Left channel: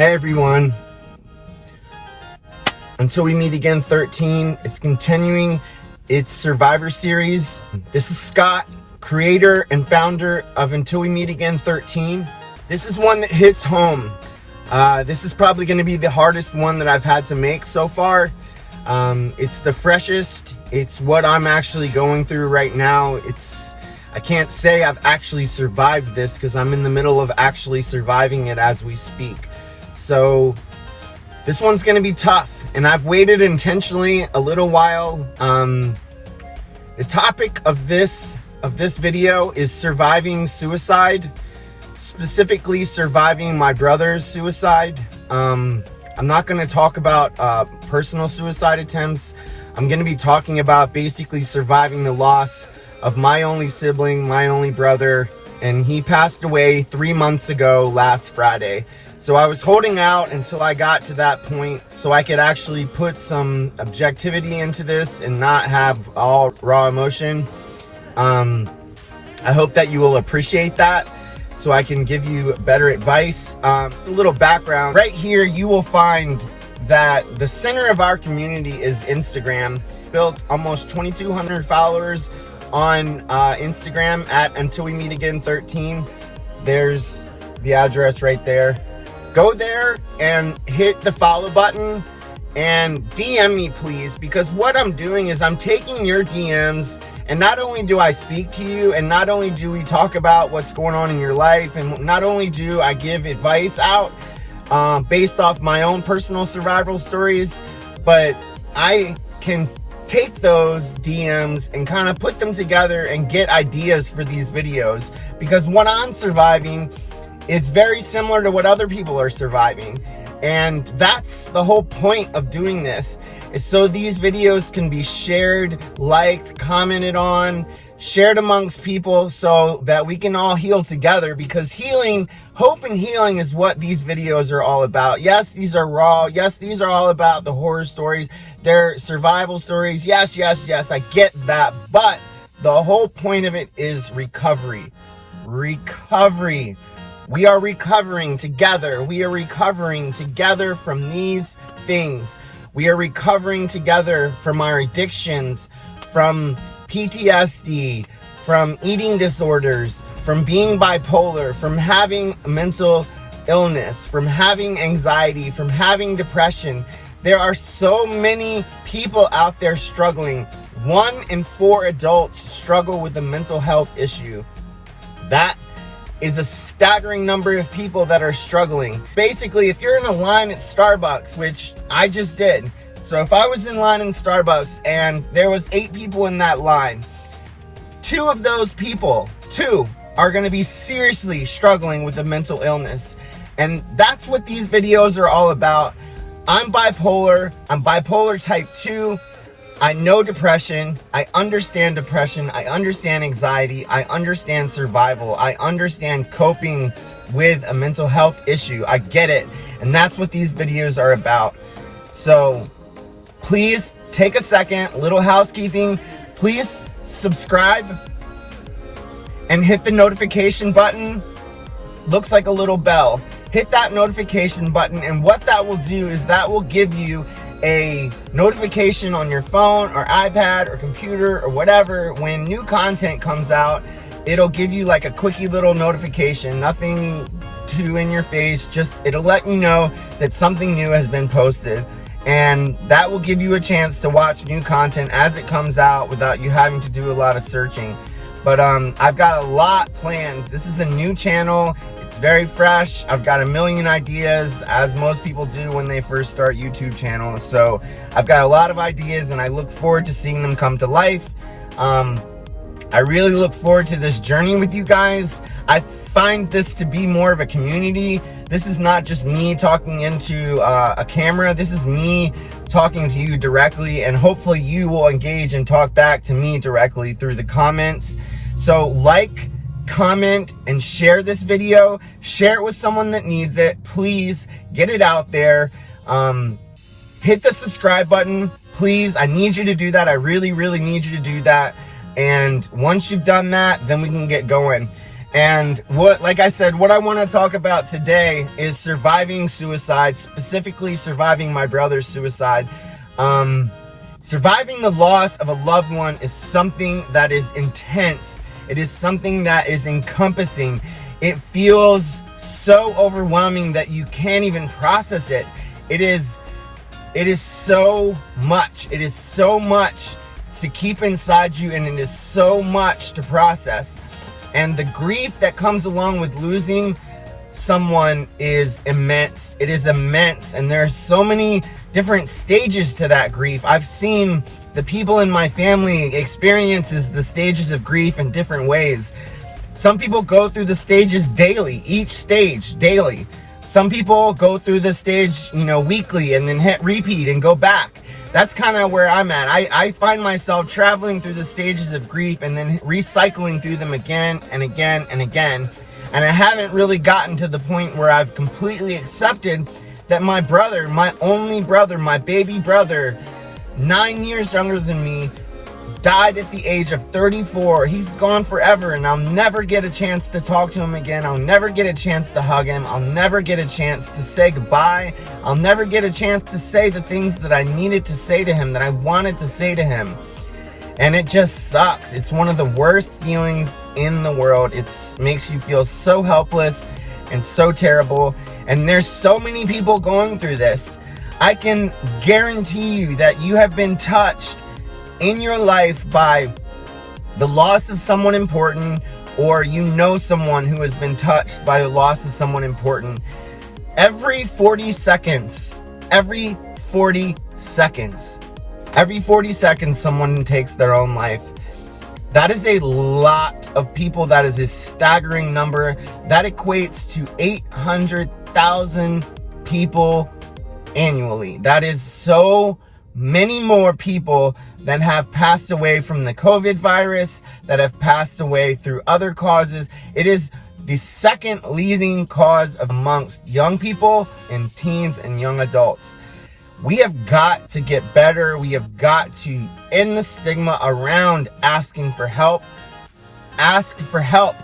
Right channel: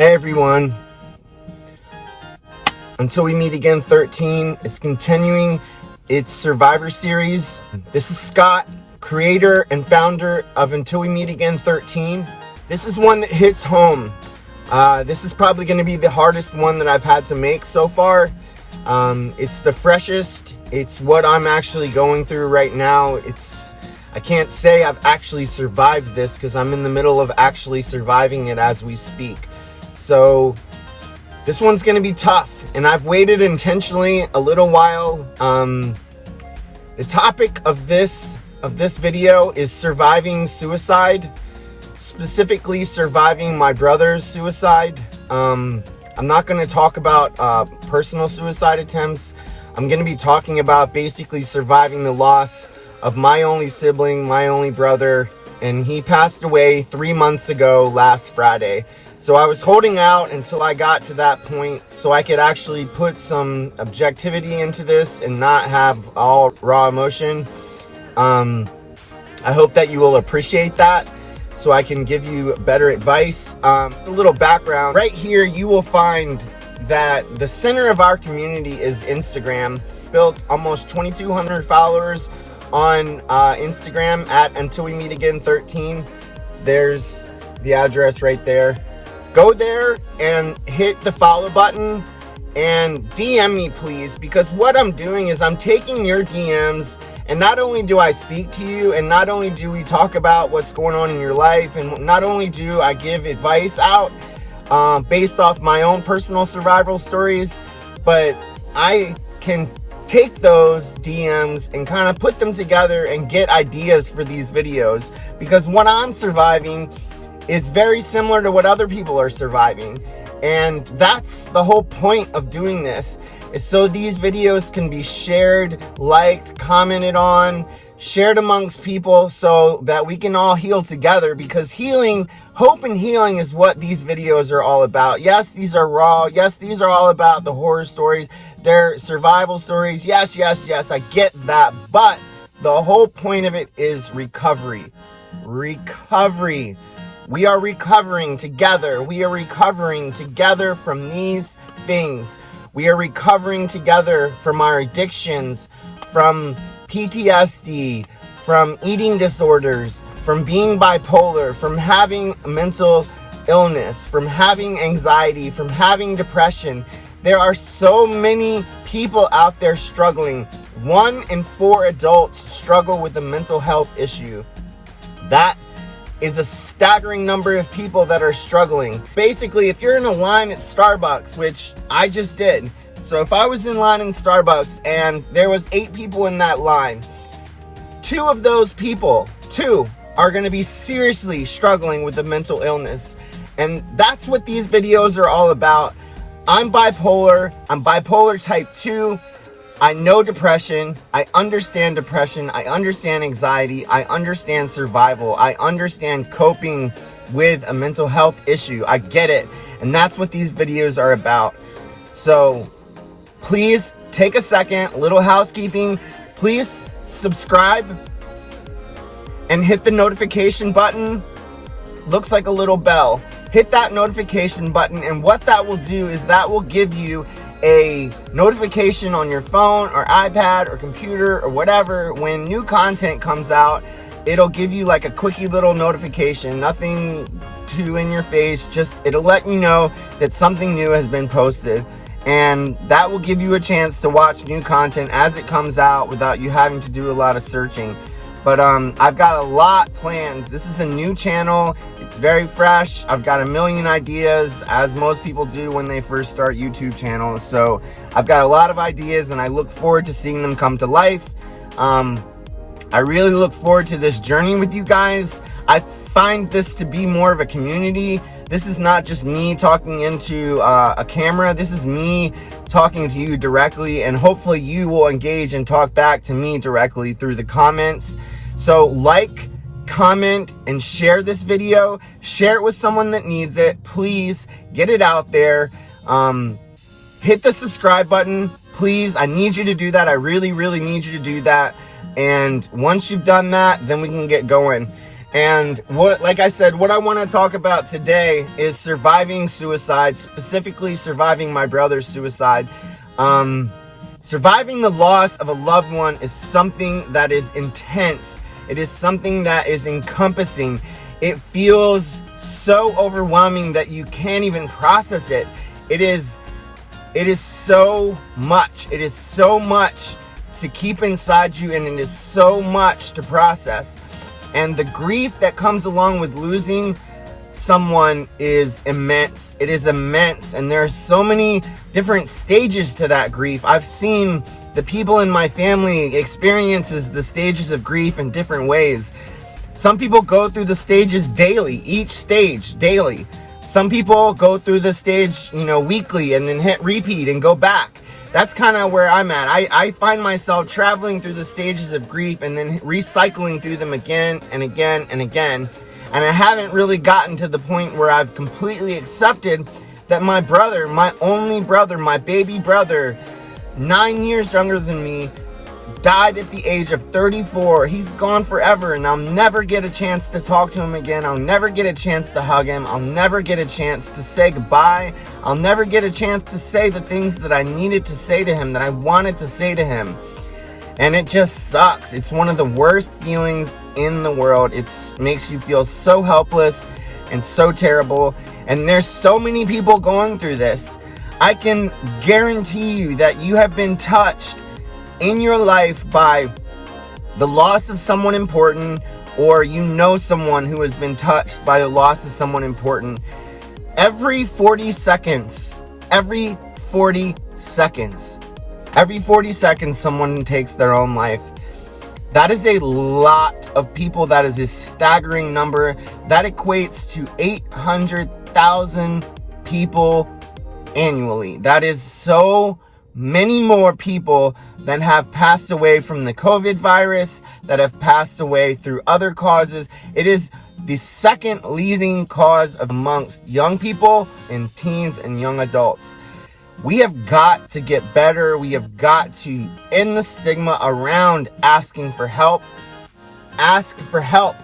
Hey everyone. Until We Meet Again 13, it's continuing its Survivor series. This is Scott, creator and founder of Until We Meet Again 13. This is one that hits home. This is probably going to be the hardest one that I've had to make so far. It's the freshest. It's what I'm actually going through right now. I can't say I've actually survived this because I'm in the middle of actually surviving it as we speak. So this one's going to be tough, and I've waited intentionally a little while. The topic of this video is surviving suicide, specifically surviving my brother's suicide. I'm not going to talk about personal suicide attempts. I'm going to be talking about basically surviving the loss of my only sibling, my only brother, and he passed away 3 months ago last Friday. So I was holding out until I got to that point so I could actually put some objectivity into this and not have all raw emotion. I hope that you will appreciate that so I can give you better advice. A little background. Right here you will find that the center of our community is Instagram. Built almost 2,200 followers on Instagram at Until We Meet Again 13. There's the address right there. Go there and hit the follow button and DM me, please, because what I'm doing is I'm taking your DMs, and not only do I speak to you, and not only do we talk about what's going on in your life, and not only do I give advice out based off my own personal survival stories, but I can take those DMs and kind of put them together and get ideas for these videos, because what I'm surviving is very similar to what other people are surviving. And that's the whole point of doing this, is so these videos can be shared, liked, commented on, shared amongst people so that we can all heal together, because healing, hope and healing is what these videos are all about. Yes, these are raw. Yes, these are all about the horror stories. They're survival stories. Yes, I get that. But the whole point of it is recovery. Recovery. We are recovering together. We are recovering together from these things. We are recovering together from our addictions, from PTSD, from eating disorders, from being bipolar, from having mental illness, from having anxiety, from having depression. There are so many people out there struggling. 1 in 4 adults struggle with a mental health issue. That is a staggering number of people that are struggling. Basically, if you're in a line at Starbucks, which I just did, so if I was in line in Starbucks and there was 8 people in that line, 2 of those people, 2, are going to be seriously struggling with a mental illness. And that's what these videos are all about. I'm bipolar. I'm bipolar type 2. I know depression. I understand depression. I understand anxiety. I understand survival. I understand coping with a mental health issue. I get it. And that's what these videos are about. So please take a second, a little housekeeping. Please subscribe and hit the notification button. Looks like a little bell. Hit that notification button, and what that will do is that will give you a notification on your phone or iPad or computer or whatever. When new content comes out, it'll give you like a quickie little notification, nothing too in your face, just it'll let you know that something new has been posted, and that will give you a chance to watch new content as it comes out without you having to do a lot of searching. But I've got a lot planned. This is a new channel. It's very fresh. I've got a million ideas, as most people do when they first start YouTube channels. So I've got a lot of ideas, and I look forward to seeing them come to life. I really look forward to this journey with you guys. I find this to be more of a community. This is not just me talking into a camera. This is me talking to you directly, and hopefully you will engage and talk back to me directly through the comments. So like, comment, and share this video. Share it with someone that needs it. Please get it out there. Hit the subscribe button, please. I need you to do that. I really need you to do that. And once you've done that, then we can get going. And like I said, what I want to talk about today is surviving suicide, specifically surviving my brother's suicide. Surviving the loss of a loved one is something that is intense. It is something that is encompassing. It feels so overwhelming that you can't even process it. It is so much. It is so much to keep inside you, and it is so much to process. And the grief that comes along with losing someone is immense. It is immense, and there are so many different stages to that grief. I've seen the people in my family experiences the stages of grief in different ways. Some people go through the stages daily, each stage daily. Some people go through the stage, weekly, and then hit repeat and go back. That's kind of where I'm at. I find myself traveling through the stages of grief and then recycling through them again and again and again. And I haven't really gotten to the point where I've completely accepted that my brother, my only brother, my baby brother, 9 years younger than me, died at the age of 34. He's gone forever, and I'll never get a chance to talk to him again. I'll never get a chance to hug him. I'll never get a chance to say goodbye. I'll never get a chance to say the things that I needed to say to him, that I wanted to say to him. And it just sucks. It's one of the worst feelings in the world. It makes you feel so helpless and so terrible. And there's so many people going through this. I can guarantee you that you have been touched in your life by the loss of someone important, or someone who has been touched by the loss of someone important. Every 40 seconds, someone takes their own life. That is a lot of people. That is a staggering number. That equates to 800,000 people annually. That is so many more people that have passed away from the COVID virus, that have passed away through other causes. It is the second leading cause amongst young people and teens and young adults. We have got to get better. We have got to end the stigma around asking for help. Ask for help.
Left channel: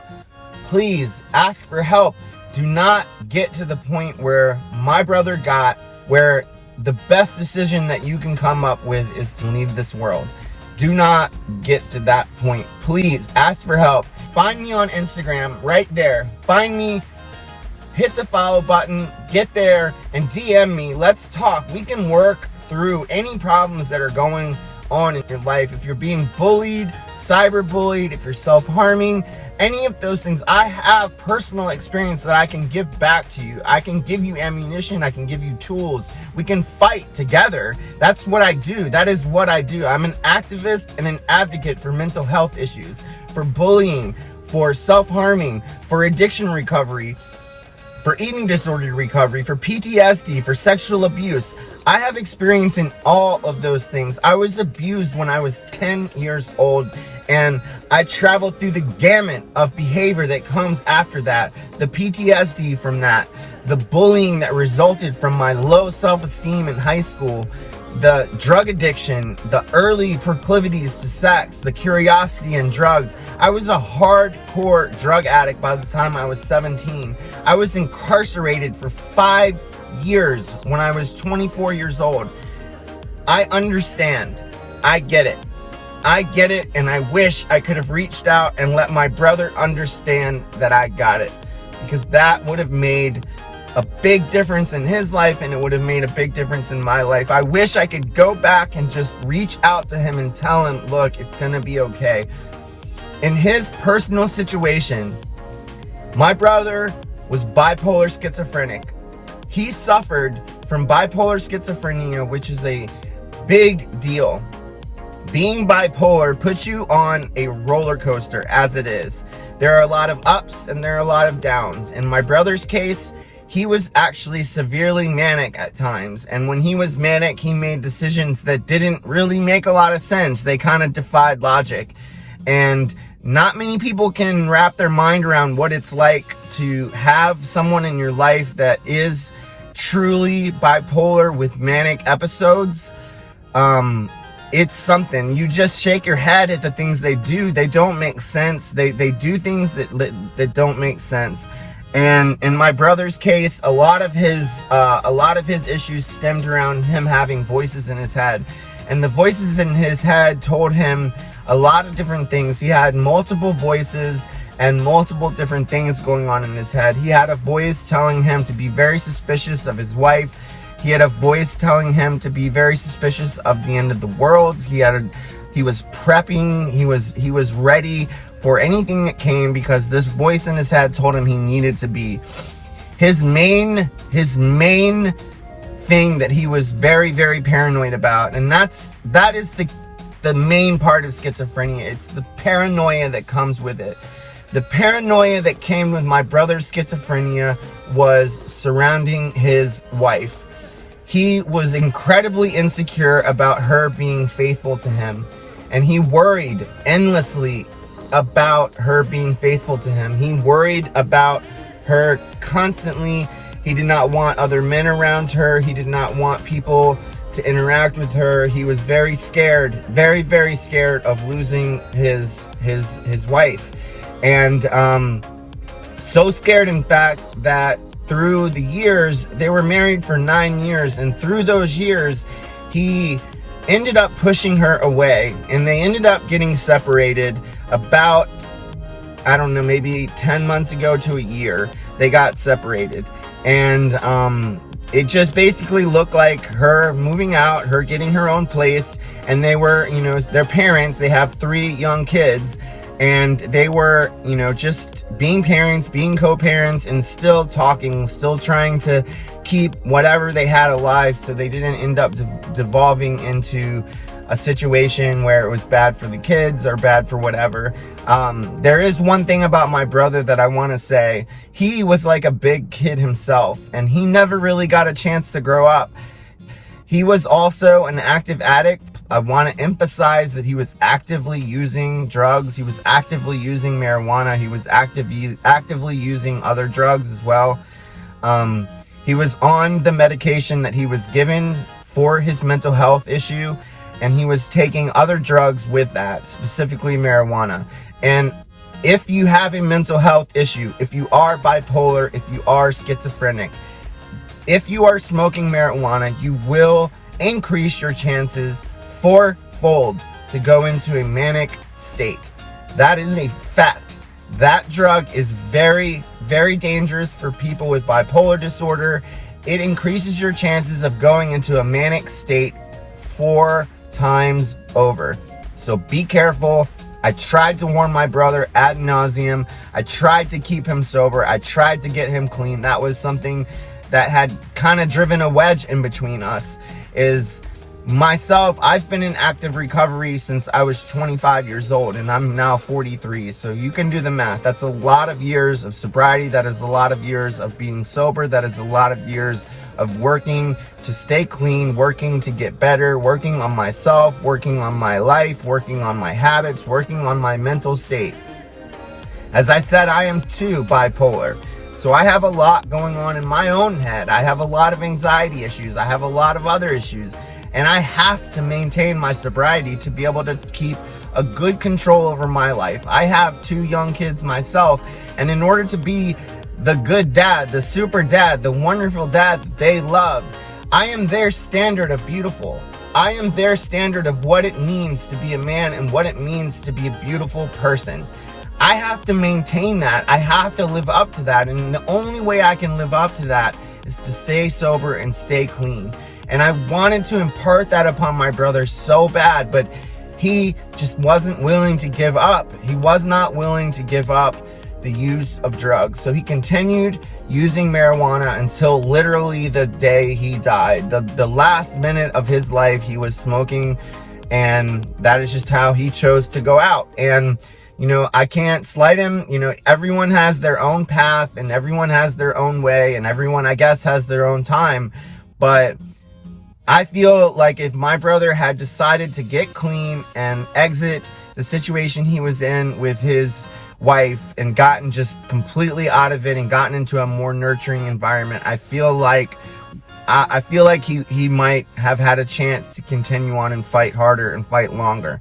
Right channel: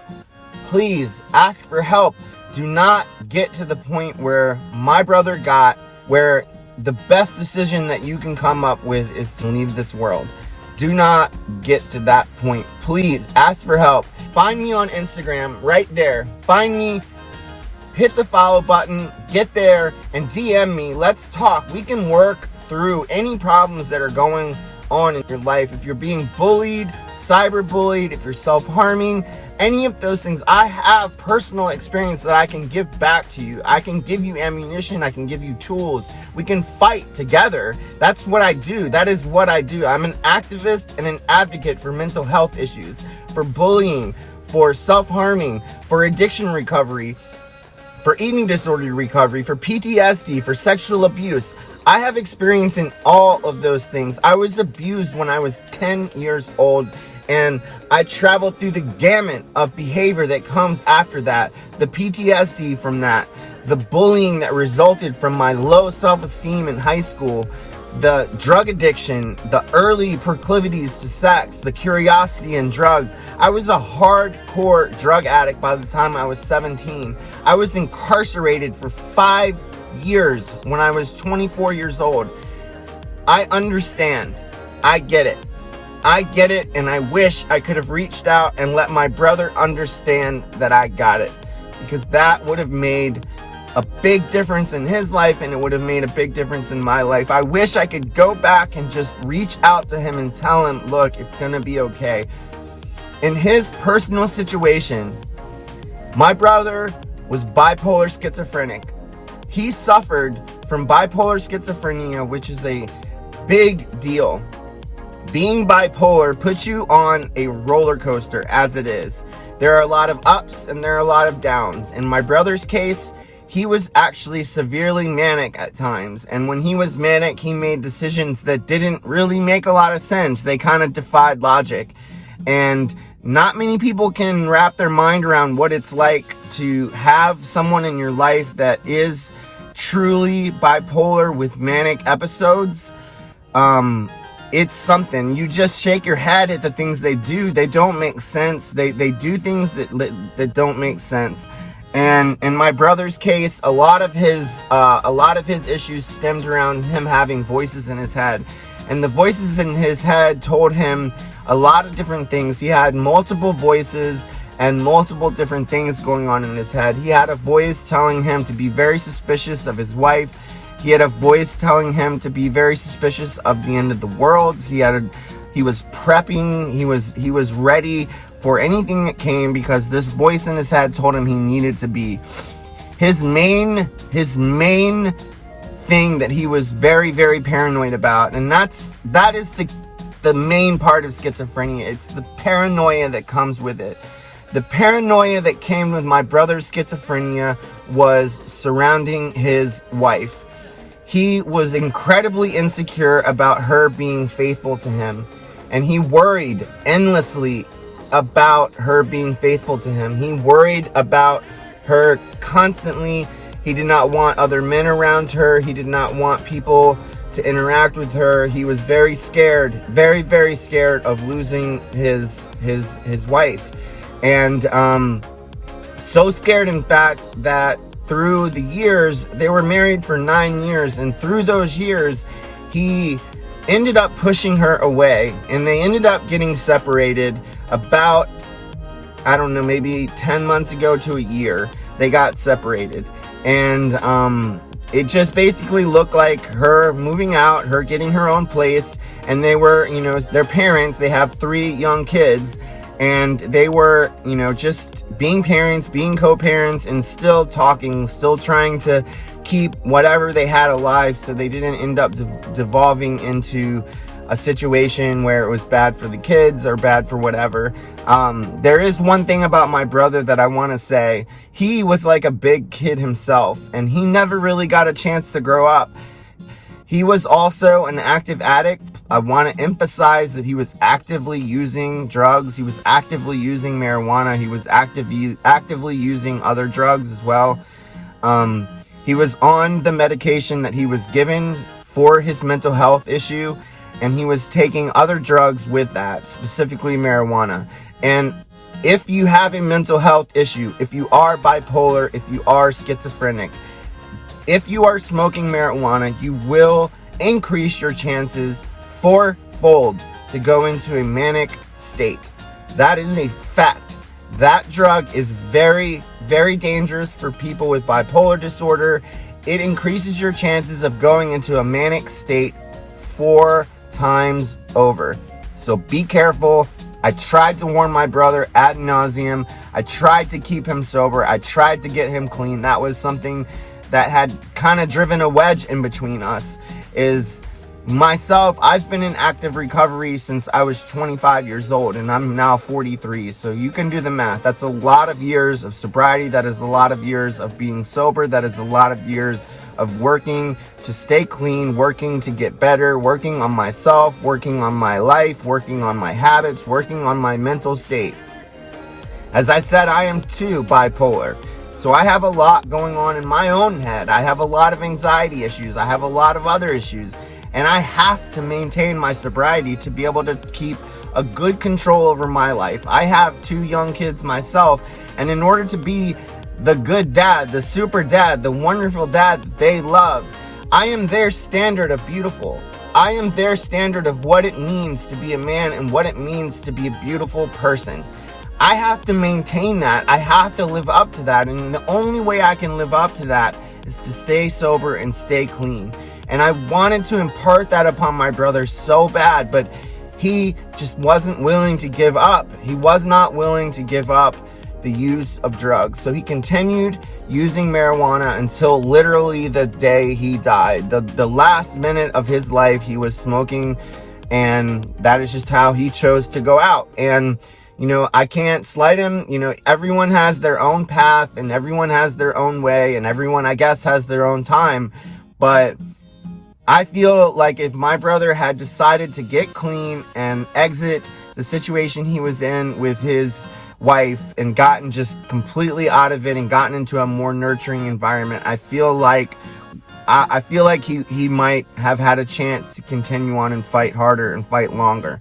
Please ask for help. Do not get to the point where my brother got, where the best decision that you can come up with is to leave this world. Do not get to that point. Please ask for help. Find me on Instagram right there. Find me, hit the follow button, get there and DM me. Let's talk. We can work through any problems that are going on in your life. If you're being bullied, cyberbullied, if you're self-harming, any of those things, I have personal experience that I can give back to you. I can give you ammunition. I can give you tools. We can fight together. That's what I do. That is what I do. I'm an activist and an advocate for mental health issues, for bullying, for self-harming, for addiction recovery, for eating disorder recovery, for PTSD, for sexual abuse. I have experience in all of those things. I was abused when I was 10 years old, and I traveled through the gamut of behavior that comes after that, the PTSD from that, the bullying that resulted from my low self-esteem in high school, the drug addiction, the early proclivities to sex, the curiosity in drugs. I was a hardcore drug addict by the time I was 17. I was incarcerated for 5 years when I was 24 years old. I understand. I get it. And I wish I could have reached out and let my brother understand that I got it, because that would have made a big difference in his life, and it would have made a big difference in my life. I wish I could go back and just reach out to him and tell him, look, it's gonna be okay. In his personal situation, my brother was bipolar schizophrenic. He suffered from bipolar schizophrenia, which is a big deal. Being bipolar puts you on a roller coaster, as it is. There are a lot of ups and there are a lot of downs. In my brother's case, he was actually severely manic at times. And when he was manic, he made decisions that didn't really make a lot of sense. They kind of defied logic. And not many people can wrap their mind around what it's like to have someone in your life that is truly bipolar with manic episodes. it's something. You just shake your head at the things they do. They don't make sense. They do things that don't make sense. And in my brother's case, a lot of his issues stemmed around him having voices in his head. And the voices in his head told him a lot of different things. He had multiple voices and multiple different things going on in his head. He had a voice telling him to be very suspicious of his wife. He had a voice telling him to be very suspicious of the end of the world. He was prepping. He was ready for anything that came, because this voice in his head told him he needed to be. His main thing that he was very, very paranoid about, and that is the main part of schizophrenia. It's the paranoia that comes with it. The paranoia that came with my brother's schizophrenia was surrounding his wife. He was incredibly insecure about her being faithful to him, and he worried endlessly about her being faithful to him. He worried about her constantly. He did not want other men around her. He did not want people to interact with her. He was very scared, very, very scared of losing his wife. And so scared, in fact, that through the years, they were married for 9 years, and through those years, he ended up pushing her away, and they ended up getting separated about, I don't know, maybe 10 months ago to a year. They got separated, and it just basically looked like her moving out, her getting her own place, and they were, their parents, they have 3 young kids, and they were, just being parents, being co-parents, and still talking, still trying to keep whatever they had alive, so they didn't end up devolving into a situation where it was bad for the kids or bad for whatever. There is one thing about my brother that I want to say. He was like a big kid himself, and he never really got a chance to grow up. He was also an active addict. I want to emphasize that he was actively using drugs. He was actively using marijuana. He was actively using other drugs as well. He was on the medication that he was given for his mental health issue, and he was taking other drugs with that, specifically marijuana. And if you have a mental health issue, if you are bipolar, if you are schizophrenic, if you are smoking marijuana, you will increase your chances fourfold to go into a manic state. That is a fact. That drug is very, very dangerous for people with bipolar disorder. It increases your chances of going into a manic state 4 times over. So be careful. I tried to warn my brother ad nauseum. I tried to keep him sober. I tried to get him clean. That was something that had kind of driven a wedge in between us. Is myself, I've been in active recovery since I was 25 years old, and I'm now 43. So you can do the math. That's a lot of years of sobriety. That is a lot of years of being sober. That is a lot of years of working to stay clean, working to get better, working on myself, working on my life, working on my habits, working on my mental state. As I said, I am too bipolar. So I have a lot going on in my own head. I have a lot of anxiety issues. I have a lot of other issues. And I have to maintain my sobriety to be able to keep a good control over my life. I have 2 young kids myself. And in order to be the good dad, the super dad, the wonderful dad that they love, I am their standard of beautiful. I am their standard of what it means to be a man and what it means to be a beautiful person. I have to maintain that. I have to live up to that. And the only way I can live up to that is to stay sober and stay clean. And I wanted to impart that upon my brother so bad, but he just wasn't willing to give up. He was not willing to give up the use of drugs. So he continued using marijuana until literally the day he died. The last minute of his life, he was smoking, and that is just how he chose to go out. And I can't slight him. Everyone has their own path, and everyone has their own way, and everyone, I guess, has their own time. But I feel like if my brother had decided to get clean and exit the situation he was in with his wife and gotten just completely out of it and gotten into a more nurturing environment, I feel like I feel like he might have had a chance to continue on and fight harder and fight longer.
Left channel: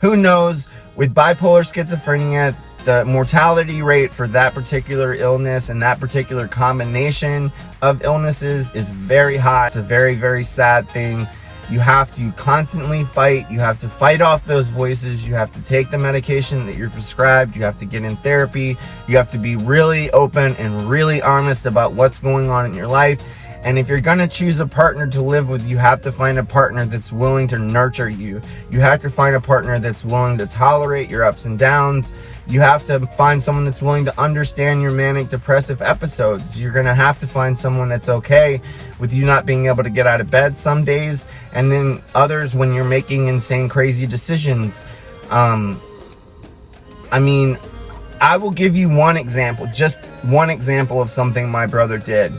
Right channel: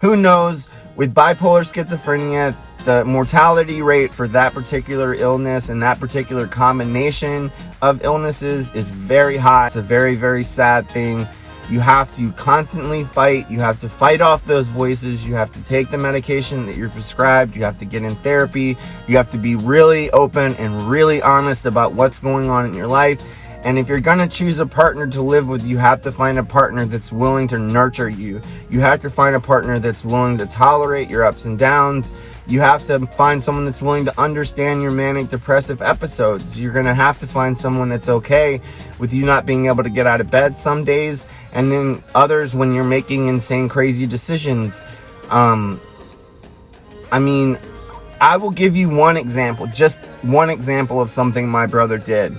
Who knows? With bipolar schizophrenia, the mortality rate for that particular illness and that particular combination of illnesses is very high. It's a very, very sad thing. You have to constantly fight. You have to fight off those voices. You have to take the medication that you're prescribed. You have to get in therapy. You have to be really open and really honest about what's going on in your life. And if you're going to choose a partner to live with, you have to find a partner that's willing to nurture you. You have to find a partner that's willing to tolerate your ups and downs. You have to find someone that's willing to understand your manic depressive episodes. You're going to have to find someone that's okay with you not being able to get out of bed some days, and then others when you're making insane, crazy decisions. I mean, I will give you one example, just one example of something my brother did.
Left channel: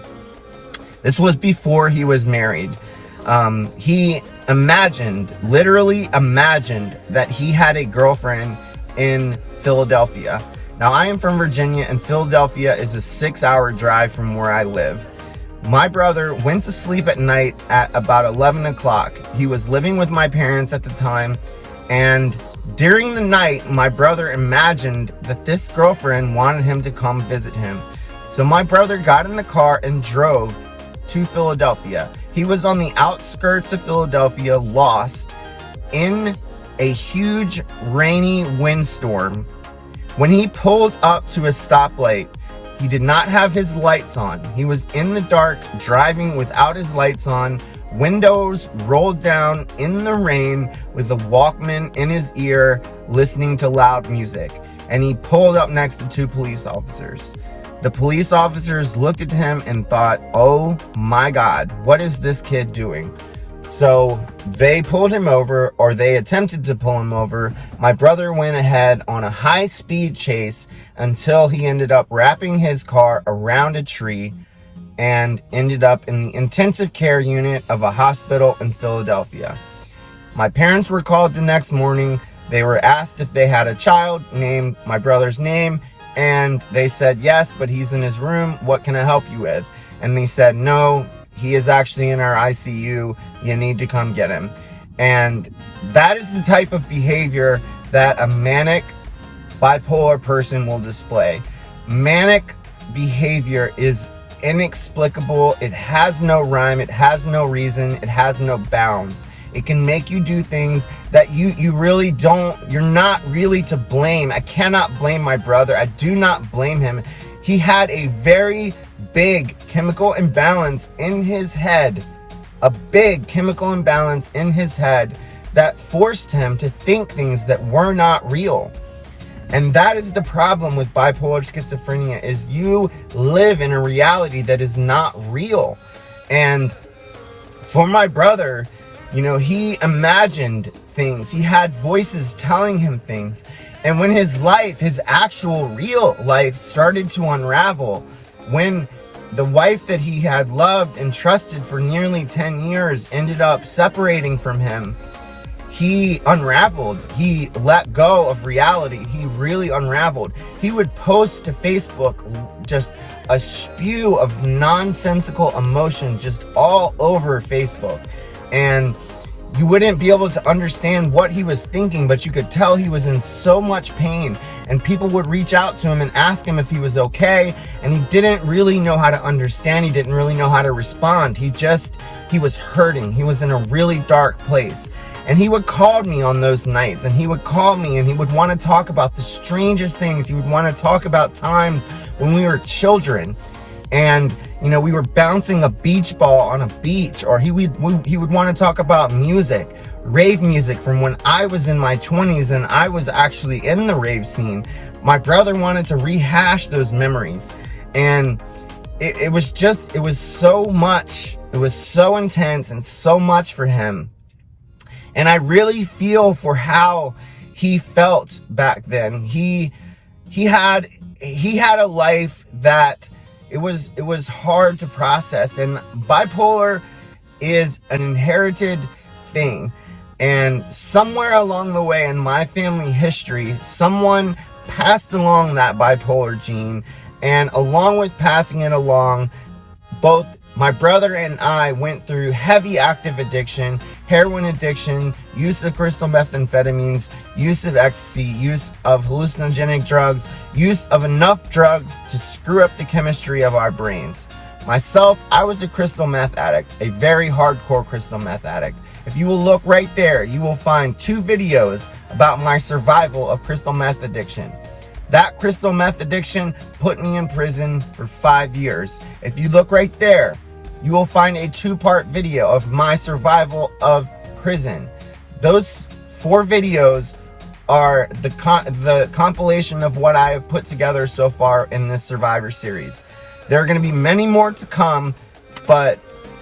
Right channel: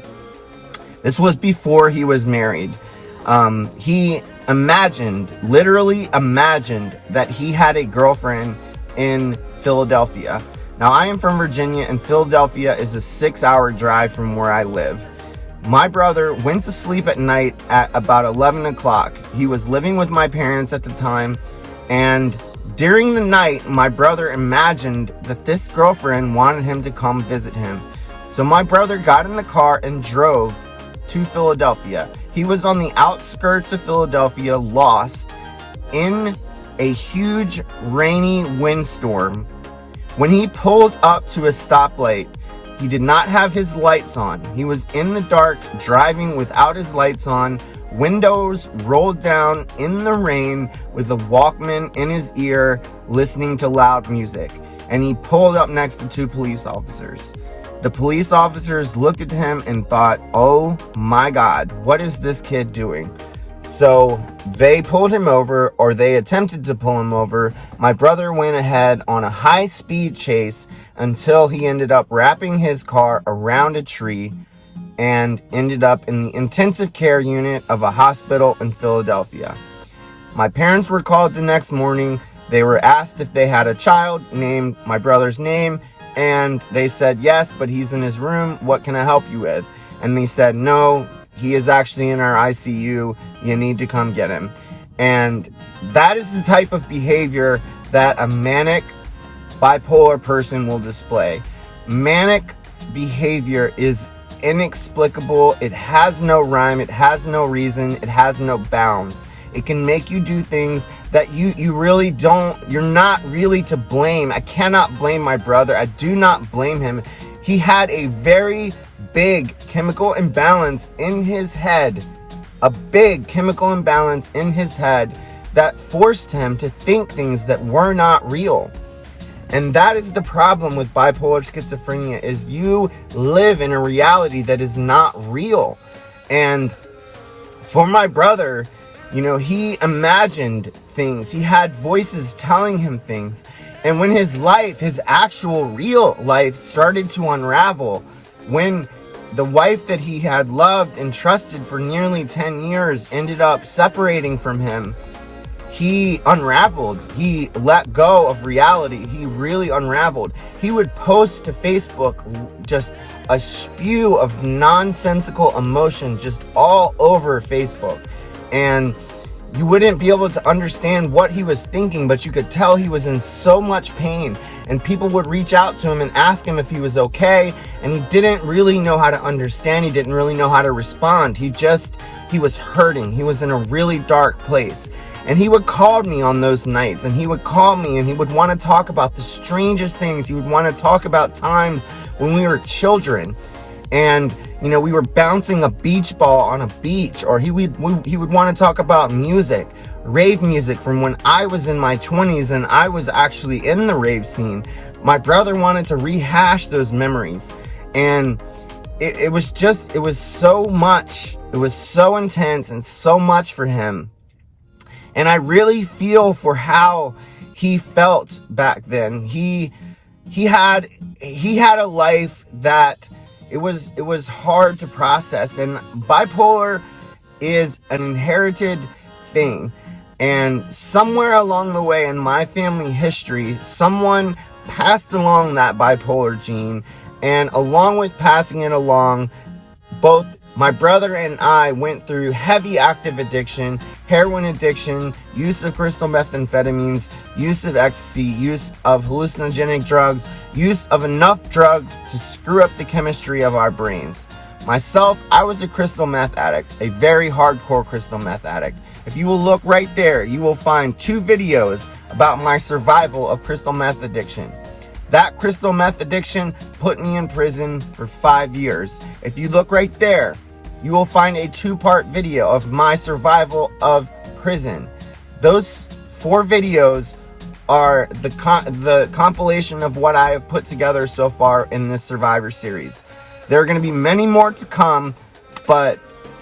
This was before he was married. He literally imagined that he had a girlfriend in Philadelphia. Now, I am from Virginia, and Philadelphia is a 6-hour drive from where I live. My brother went to sleep at night at about 11 o'clock. He was living with my parents at the time, and during the night, my brother imagined that this girlfriend wanted him to come visit him. So my brother got in the car and drove to Philadelphia. He was on the outskirts of Philadelphia, lost in a huge rainy windstorm. When he pulled up to a stoplight, he did not have his lights on. He was in the dark, driving without his lights on, windows rolled down in the rain, with a Walkman in his ear, listening to loud music. And he pulled up next to 2 police officers. The police officers looked at him and thought, oh my God, what is this kid doing? So they pulled him over, or they attempted to pull him over. My brother went ahead on a high-speed chase until he ended up wrapping his car around a tree and ended up in the intensive care unit of a hospital in Philadelphia. My parents were called the next morning. They were asked if they had a child named my brother's name, and they said, yes, but he's in his room. What can I help you with? And they said, no, he is actually in our ICU. You need to come get him. And that is the type of behavior that a manic bipolar person will display. Manic behavior is inexplicable. It has no rhyme. It has no reason. It has no bounds. It can make you do things that you really don't, you're not really to blame. I cannot blame my brother. I do not blame him. He had a very big chemical imbalance in his head. A big chemical imbalance in his head that forced him to think things that were not real. And that is the problem with bipolar schizophrenia, is you live in a reality that is not real. And for my brother, you know, he imagined things. He had voices telling him things. And when his life, his actual real life, started to unravel, when the wife that he had loved and trusted for nearly 10 years ended up separating from him, he unraveled. He let go of reality. He really unraveled. He would post to Facebook just a spew of nonsensical emotions just all over Facebook. And you wouldn't be able to understand what he was thinking, but you could tell he was in so much pain. And people would reach out to him and ask him if he was okay. And he didn't really know how to understand. He didn't really know how to respond. He was hurting. He was in a really dark place. And he would call me on those nights, and he would call me and he would want to talk about the strangest things. He would want to talk about times when we were children and, you know, we were bouncing a beach ball on a beach, or he would want to talk about music, rave music from when I was in my 20s and I was actually in the rave scene. My brother wanted to rehash those memories, and it was so much. It was so intense and so much for him. And I really feel for how he felt back then. He had a life that it was hard to process, and bipolar is an inherited thing. And somewhere along the way in my family history, someone passed along that bipolar gene, and along with passing it along, both My brother and I went through heavy active addiction, heroin addiction, use of crystal methamphetamines, use of ecstasy, use of hallucinogenic drugs, use of enough drugs to screw up the chemistry of our brains. Myself, I was a crystal meth addict, a very hardcore crystal meth addict. If you will look right there, you will find 2 videos about my survival of crystal meth addiction. That crystal meth addiction put me in prison for 5 years. If you look right there, you will find a 2-part video of my survival of prison. Those 4 videos are the compilation of what I have put together so far in this Survivor series. There are going to be many more to come, but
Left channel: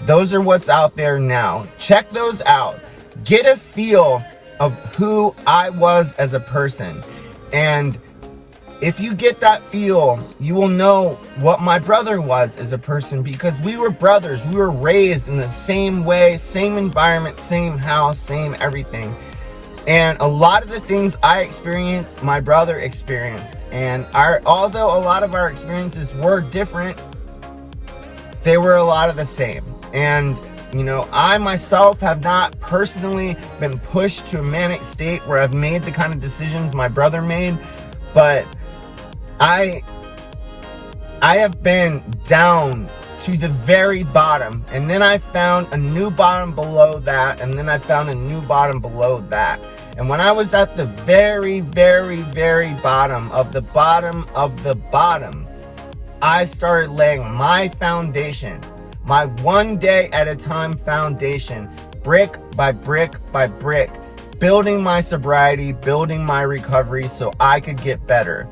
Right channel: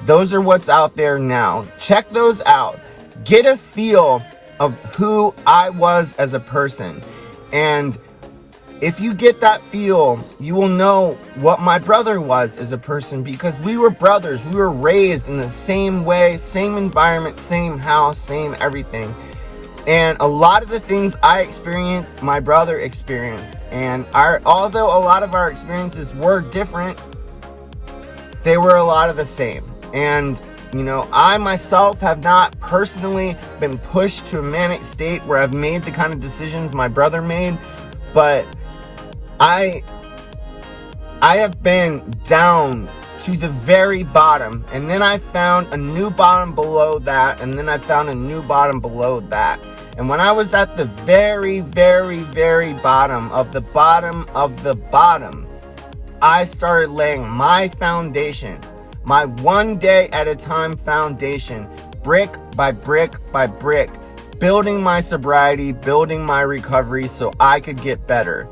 those are what's out there now. Check those out. Get a feel of who I was as a person. And if you get that feel, you will know what my brother was as a person, because we were brothers. We were raised in the same way, same environment, same house, same everything. And a lot of the things I experienced, my brother experienced. And although a lot of our experiences were different, they were a lot of the same. And, you know, I myself have not personally been pushed to a manic state where I've made the kind of decisions my brother made, but I have been down to the very bottom, and then I found a new bottom below that, and then I found a new bottom below that. And when I was at the very, very, very bottom of the bottom of the bottom, I started laying my foundation, my 1 day at a time foundation, brick by brick by brick, building my sobriety, building my recovery so I could get better.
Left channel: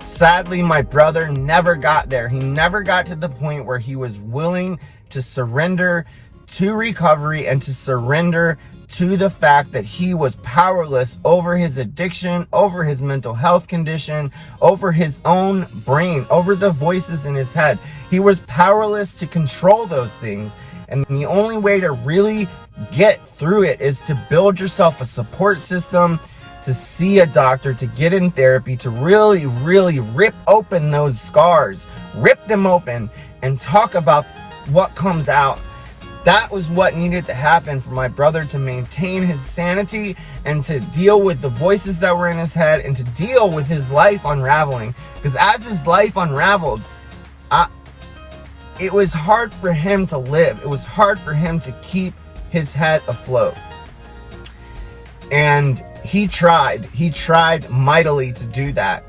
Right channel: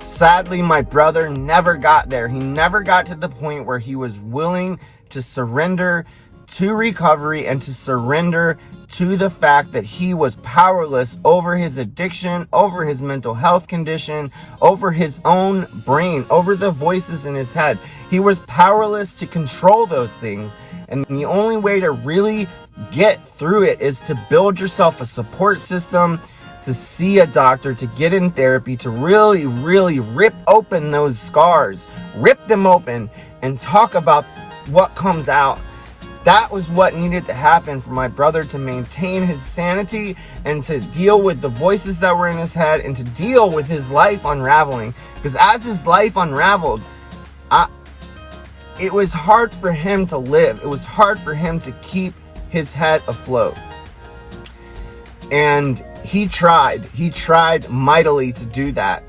Sadly, my brother never got there. He never got to the point where he was willing to surrender to recovery and to surrender to the fact that he was powerless over his addiction, over his mental health condition, over his own brain, over the voices in his head. He was powerless to control those things. And the only way to really get through it is to build yourself a support system, to see a doctor, to get in therapy, to really, really rip open those scars, rip them open, and talk about what comes out. That was what needed to happen for my brother to maintain his sanity and to deal with the voices that were in his head and to deal with his life unraveling. Because as his life unraveled, it was hard for him to live. It was hard for him to keep his head afloat. And he tried mightily to do that.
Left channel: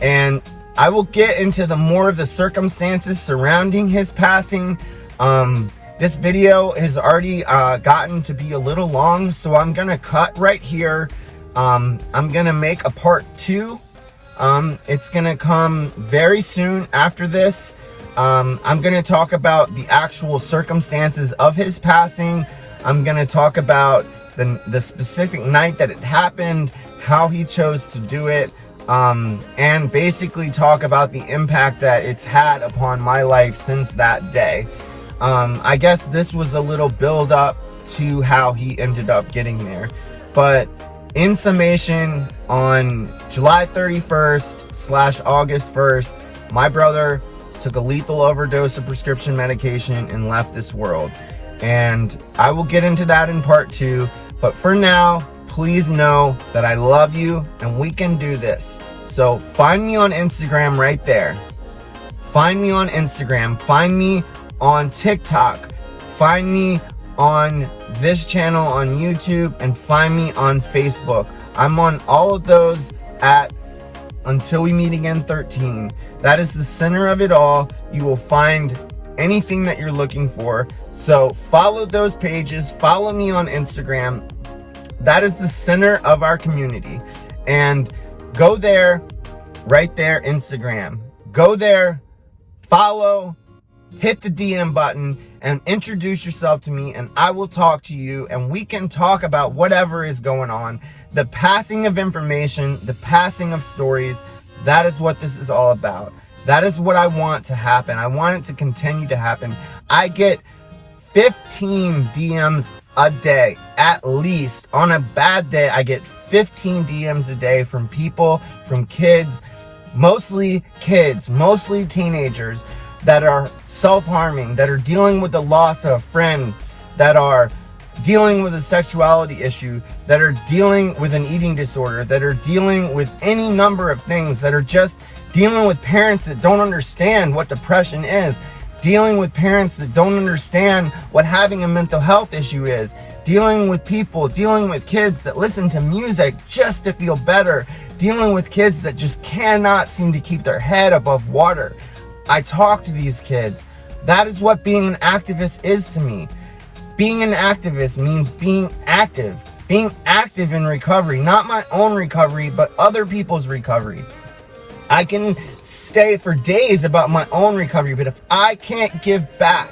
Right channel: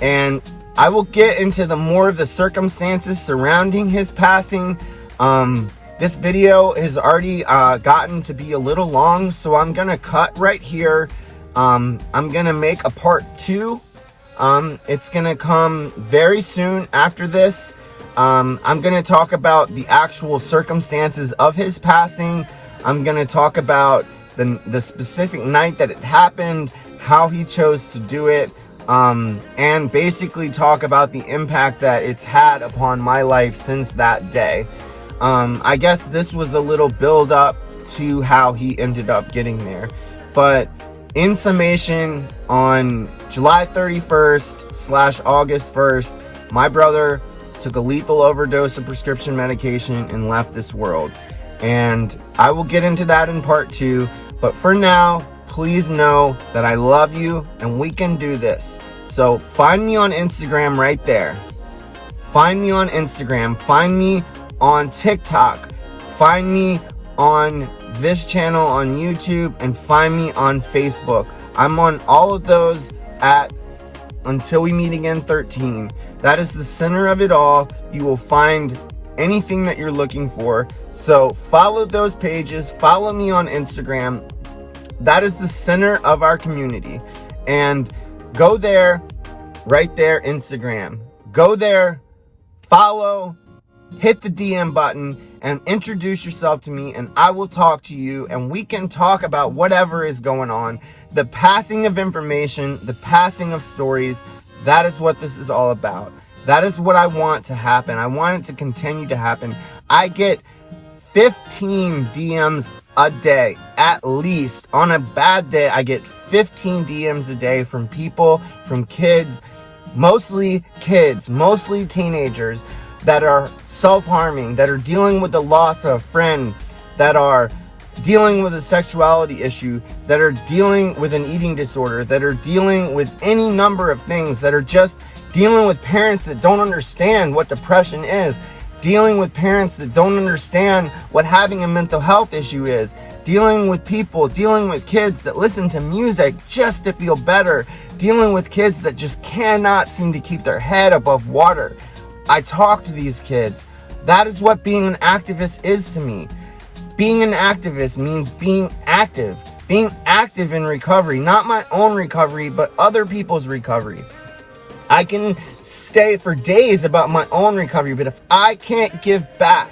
And I will get into more of the circumstances surrounding his passing. This video has already gotten to be a little long, so I'm gonna cut right here. I'm gonna make a part 2. It's gonna come very soon after this. I'm gonna talk about the actual circumstances of his passing. I'm gonna talk about the specific night that it happened, how he chose to do it, and basically talk about the impact that it's had upon my life since that day. I guess this was a little build up to how he ended up getting there. But in summation, on July 31st / August 1st, my brother took a lethal overdose of prescription medication and left this world. And I will get into that in part 2. But for now, please know that I love you and we can do this. So find me on Instagram right there. Find me on Instagram. Find me on TikTok. Find me on this channel on YouTube, and find me on Facebook. I'm on all of those at Until We Meet Again 13. That is the center of it all. You will find anything that you're looking for. So follow those pages. Follow me on Instagram. That is the center of our community. And go there, right there, Instagram. Go there, follow, hit the DM button, and introduce yourself to me, and I will talk to you, and we can talk about whatever is going on. The passing of information, the passing of stories, that is what this is all about. That is what I want to happen. I want it to continue to happen. I get 15 DMs a day, at least. On a bad day, I get 15 DMs a day from people, from kids, mostly teenagers, that are self-harming, that are dealing with the loss of a friend, that are dealing with a sexuality issue, that are dealing with an eating disorder, that are dealing with any number of things, that are just dealing with parents that don't understand what depression is, dealing with parents that don't understand what having a mental health issue is, dealing with people, dealing with kids that listen to music just to feel better, dealing with kids that just cannot seem to keep their head above water. I talk to these kids. That is what being an activist is to me. Being an activist means being active in recovery, not my own recovery, but other people's recovery. I can stay for days about my own recovery, but if I can't give back,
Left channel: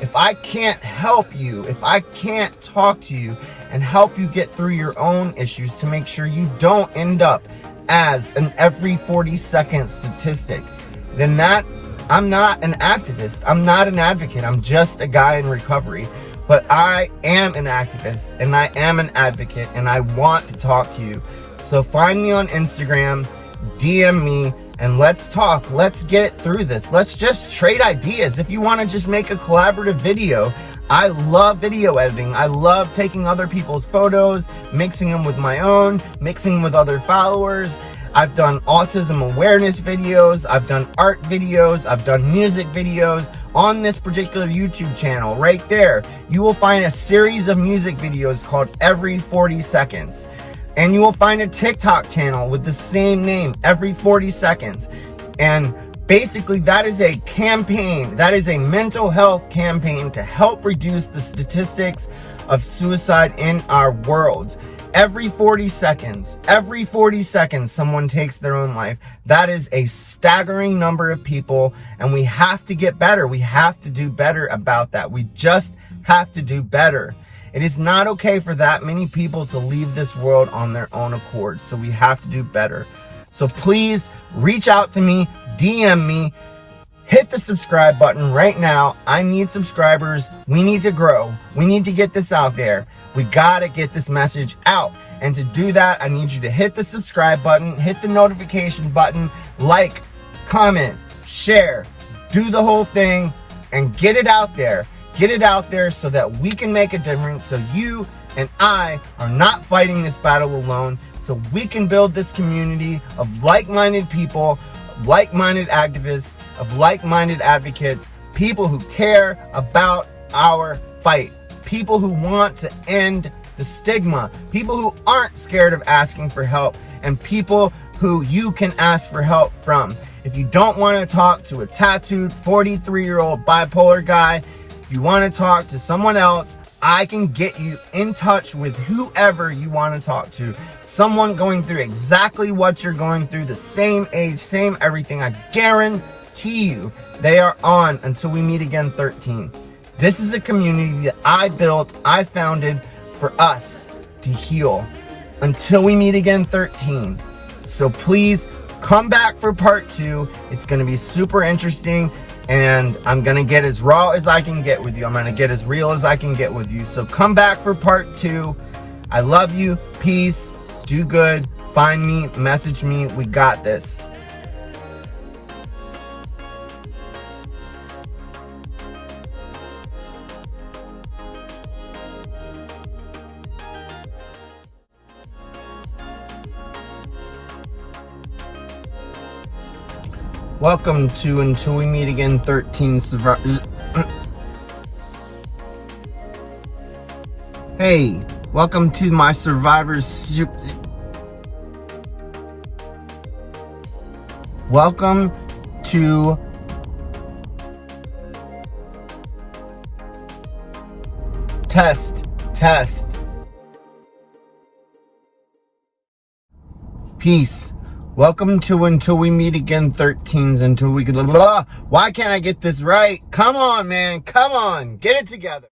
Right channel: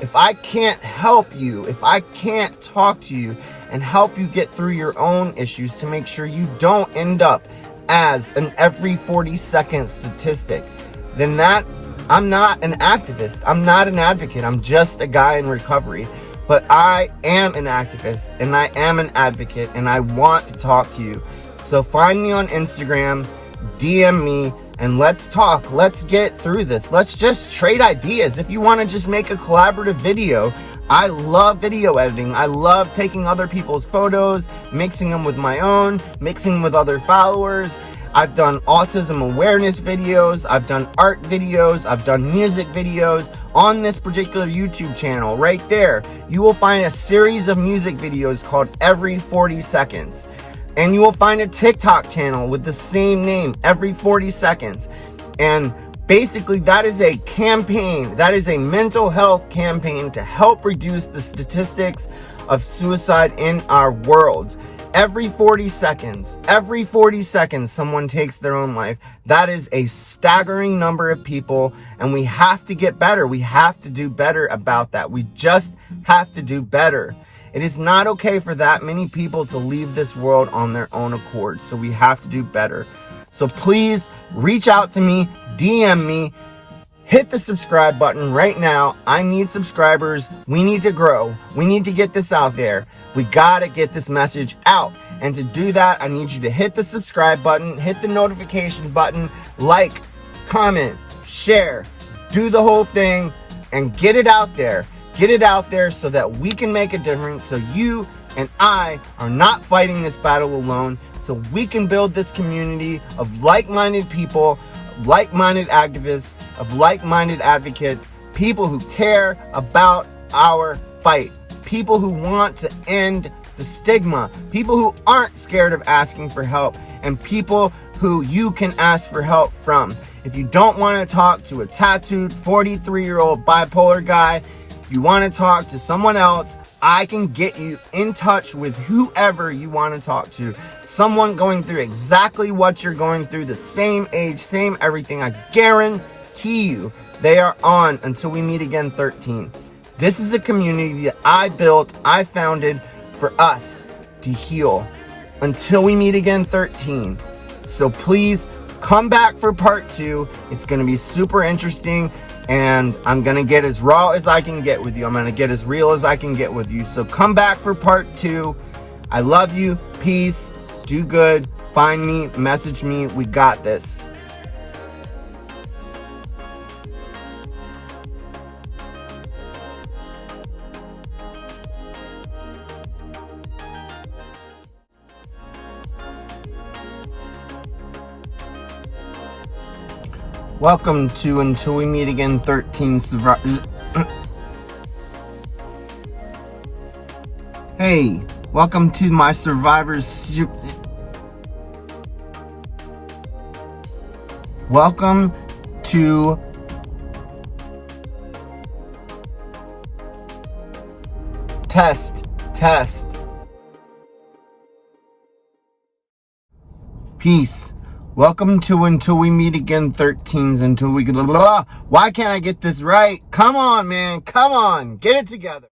if I can't help you, if I can't talk to you and help you get through your own issues to make sure you don't end up as an every 40-second statistic, then I'm not an activist. I'm not an advocate. I'm just a guy in recovery. But I am an activist and I am an advocate and I want to talk to you. So find me on Instagram, DM me, and let's talk. Let's get through this. Let's just trade ideas. If you want to just make a collaborative video, I love video editing. I love taking other people's photos, mixing them with my own, mixing them with other followers. I've done autism awareness videos. I've done art videos. I've done music videos. On this particular YouTube channel right there, you will find a series of music videos called Every 40 Seconds. And you will find a TikTok channel with the same name, Every 40 Seconds. And basically that is a campaign, that is a mental health campaign to help reduce the statistics of suicide in our world. Every 40 seconds, someone takes their own life. That is a staggering number of people, and we have to get better. We have to do better about that. We just have to do better. It is not okay for that many people to leave this world on their own accord, so we have to do better. So please reach out to me, DM me, hit the subscribe button right now. I need subscribers. We need to grow. We need to get this out there. We gotta get this message out. And to do that, I need you to hit the subscribe button, hit the notification button, like, comment, share, do the whole thing, and get it out there. Get it out there so that we can make a difference, so you and I are not fighting this battle alone, so we can build this community of like-minded people, like-minded activists, of like-minded advocates, people who care about our fight, people who want to end the stigma, people who aren't scared of asking for help, and people who you can ask for help from. If you don't want to talk to a tattooed 43-year-old bipolar guy, if you want to talk to someone else, I can get you in touch with whoever you want to talk to. Someone going through exactly what you're going through, the same age, same everything. I guarantee you they are on Until We Meet Again 13. This is a community that I built, I founded for us to heal. Until We Meet Again 13. So please come back for part 2. It's going to be super interesting. And I'm going to get as raw as I can get with you. I'm going to get as real as I can get with you. So come back for part 2. I love you. Peace. Do good. Find me. Message me. We got this. Welcome to Until We Meet Again 13 Hey, welcome to my Survivors. Welcome to test. Peace. Welcome to Until We Meet Again 13s. Until we get. Why can't I get this right? Come on, man. Come on. Get it together.